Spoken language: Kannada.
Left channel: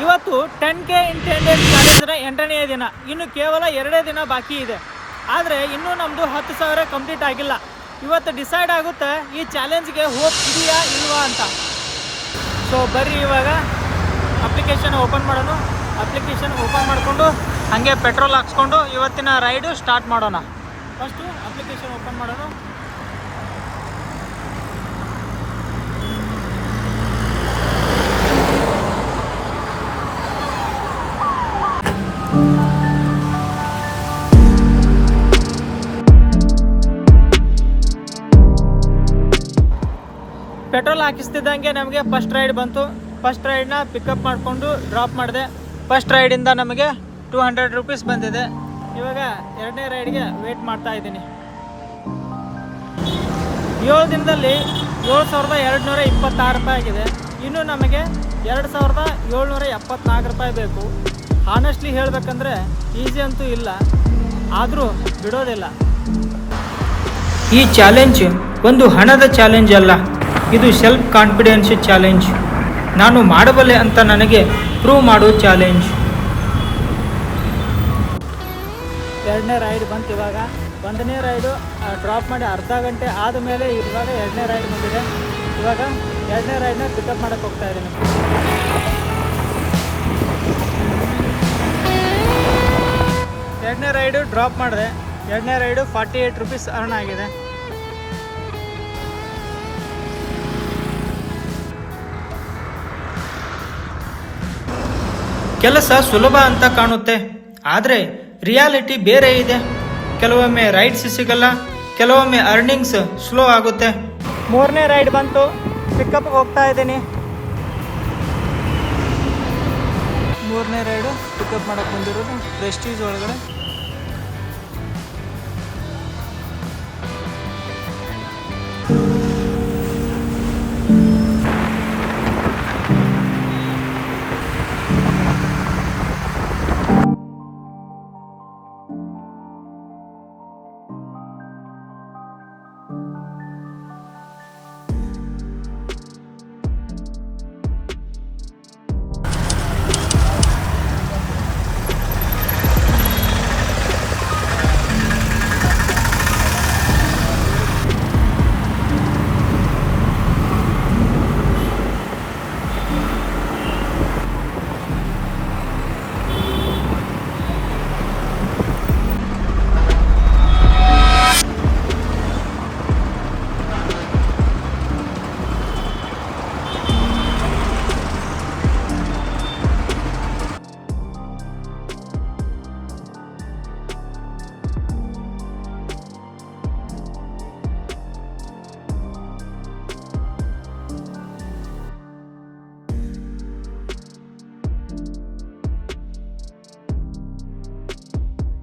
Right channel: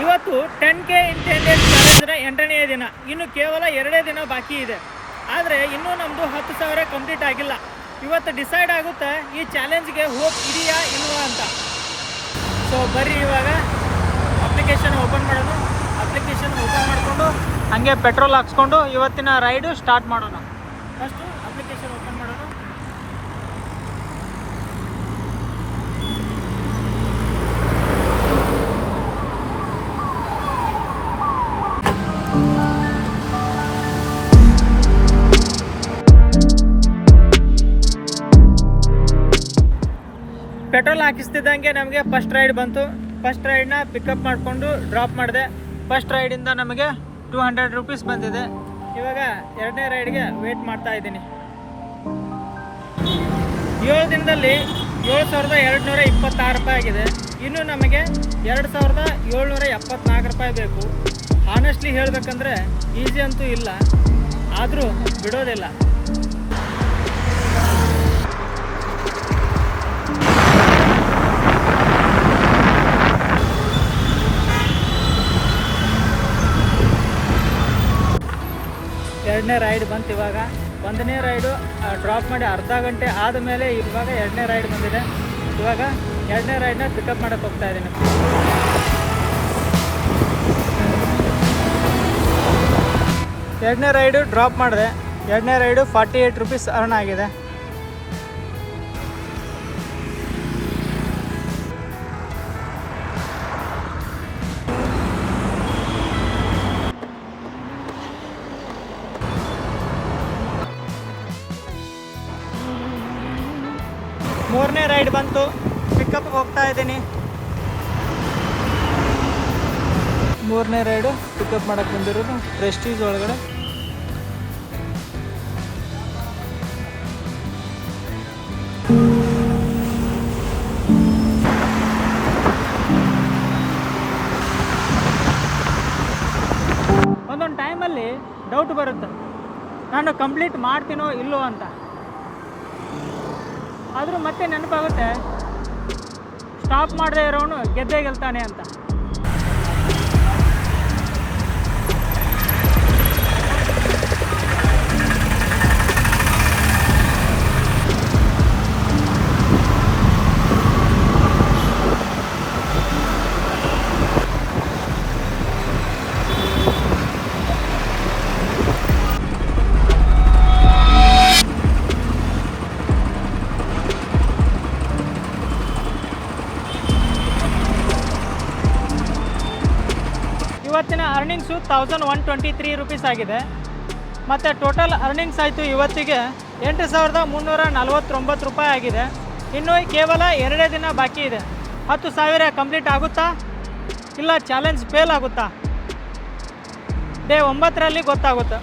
ಇವತ್ತು 10K ಇನ್ 10 ಡೇಸ್ ಚಾಲೆಂಜ್ನ 8ನೇ ದಿನ. ಇನ್ನು ಕೇವಲ 2 ದಿನ ಬಾಕಿ ಇದೆ. ಆದರೆ ಇನ್ನೂ ನಮ್ಮದು 10,000 ಕಂಪ್ಲೀಟ್ ಆಗಿಲ್ಲ. ಇವತ್ತು ಡಿಸೈಡ್ ಆಗುತ್ತೆ ಈ ಚಾಲೆಂಜ್ಗೆ ಹೋಪ್ ಇದೆಯಾ ಇಲ್ವಾ ಅಂತ. ಸೊ ಬರ್ರಿ ಇವಾಗ ಅಪ್ಲಿಕೇಶನ್ ಓಪನ್ ಮಾಡೋಣ. ಅಪ್ಲಿಕೇಶನ್ ಓಪನ್ ಮಾಡಿಕೊಂಡು ಹಾಗೆ ಪೆಟ್ರೋಲ್ ಹಾಕ್ಸ್ಕೊಂಡು ಇವತ್ತಿನ ರೈಡು ಸ್ಟಾರ್ಟ್ ಮಾಡೋಣ. ಫಸ್ಟು ಅಪ್ಲಿಕೇಶನ್ ಓಪನ್ ಮಾಡೋಣ. ಪೆಟ್ರೋಲ್ ಹಾಕಿಸ್ತಿದ್ದಂಗೆ ನಮಗೆ ಫಸ್ಟ್ ರೈಡ್ ಬಂತು. ಫಸ್ಟ್ ರೈಡ್ನ ಪಿಕಪ್ ಮಾಡಿಕೊಂಡು ಡ್ರಾಪ್ ಮಾಡಿದೆ. ಫಸ್ಟ್ ರೈಡಿಂದ ನಮಗೆ 200 ರೂಪೀಸ್ ಬಂದಿದೆ. ಇವಾಗ 2ನೇ ರೈಡ್ಗೆ ವೇಟ್ ಮಾಡ್ತಾ ಇದ್ದೀನಿ. 7 ದಿನದಲ್ಲಿ 7,226 ರೂಪಾಯಿ ಆಗಿದೆ. ಇನ್ನು ನಮಗೆ 2,774 ರೂಪಾಯಿ ಬೇಕು. ಆನೆಸ್ಟ್ಲಿ ಹೇಳಬೇಕಂದ್ರೆ ಈಸಿ ಅಂತೂ ಇಲ್ಲ, ಆದರೂ ಬಿಡೋದಿಲ್ಲ. ಈ ಚಾಲೆಂಜ್ ಒಂದು ಹಣದ ಚಾಲೆಂಜ್ ಅಲ್ಲ, ಇದು ಸೆಲ್ಫ್ ಕಾನ್ಫಿಡೆನ್ಸ್ ಚಾಲೆಂಜ್. ನಾನು ಮಾಡಬಲ್ಲೆ ಅಂತ ನನಗೆ ಪ್ರೂವ್ ಮಾಡೋ ಚಾಲೆಂಜ್. 2ನೇ ರೈಡ್ ಬಂತು. ಇವಾಗ 1ನೇ ರೈಡು ಡ್ರಾಪ್ ಮಾಡಿ ಅರ್ಧ ಗಂಟೆ ಆದಮೇಲೆ ಇವಾಗ 2ನೇ ರೈಡ್ ಬಂದಿದೆ. ಇವಾಗ 2ನೇ ರೈಡ್ನ ಪಿಕಪ್ ಮಾಡೋಕ್ಕೆ ಹೋಗ್ತಾ ಇದ್ದೀನಿ. 2ನೇ ರೈಡು ಡ್ರಾಪ್ ಮಾಡಿದೆ. 2ನೇ ರೈಡು 48 ರೂಪೀಸ್ ಅರ್ನ್ ಆಗಿದೆ. ಕೆಲಸ ಸುಲಭ ಅಂತ ಕಾಣುತ್ತೆ, ಆದರೆ ರಿಯಾಲಿಟಿ ಬೇರೆ ಇದೆ. ಕೆಲವೊಮ್ಮೆ ರೈಡ್ಸ್ ಸಿಗಲ್ಲ, ಕೆಲವೊಮ್ಮೆ ಅರ್ನಿಂಗ್ಸ್ ಸ್ಲೋ ಆಗುತ್ತೆ. 3ನೇ ರೈಡ್ ಬಂತು, ಪಿಕಪ್ ಹೋಗ್ತಾ ಇದ್ದೀನಿ. 3ನೇ ರೈಡು ಪಿಕಪ್ ಮಾಡೋಕ್ಕೆ ಬಂದಿರೋದು ಪ್ರೆಸ್ಟೀಜ್ ಒಳಗಡೆ. ಒಂದೊಂದು ಟೈಮಲ್ಲಿ ಡೌಟ್ ಬರುತ್ತೆ, ನಾನು ಕಂಪ್ಲೀಟ್ ಮಾಡ್ತೀನೋ ಇಲ್ಲೋ ಅಂತ. ಆದರೂ ಮತ್ತೆ ನೆನಪಾಗುತ್ತೆ, ಸ್ಟಾಪ್ ಮಾಡದೇ ಇರೋನು ಗೆದ್ದೇ ಗೆಲ್ತಾನೆ ಅಂತ. ಇವತ್ತಿನ ಅರ್ನಿಂಗ್ಸು 1,123 ರೂಪೀಸ್ ಆಗಿದೆ. ಮತ್ತು ಟೋಟಲ್ ಅರ್ನಿಂಗ್ಸ್ ಆಯಿತು ಇವತ್ತಿಗೆ 8,349 ರೂಪಾಯಿ ಆಗಿದೆ. ಇನ್ನು ಕೇವಲ 2 ದಿನ ಬಾಕಿ ಇದೆ. 10,000 ಕಂಪ್ಲೀಟ್ ಆಗುತ್ತಾ ಇಲ್ಲ ಚಾಲೆಂಜ್ ಫೇಲ್ ಆಗುತ್ತಾ? ಡೇ 9ರಲ್ಲಿ ಗೊತ್ತಾಗುತ್ತೆ.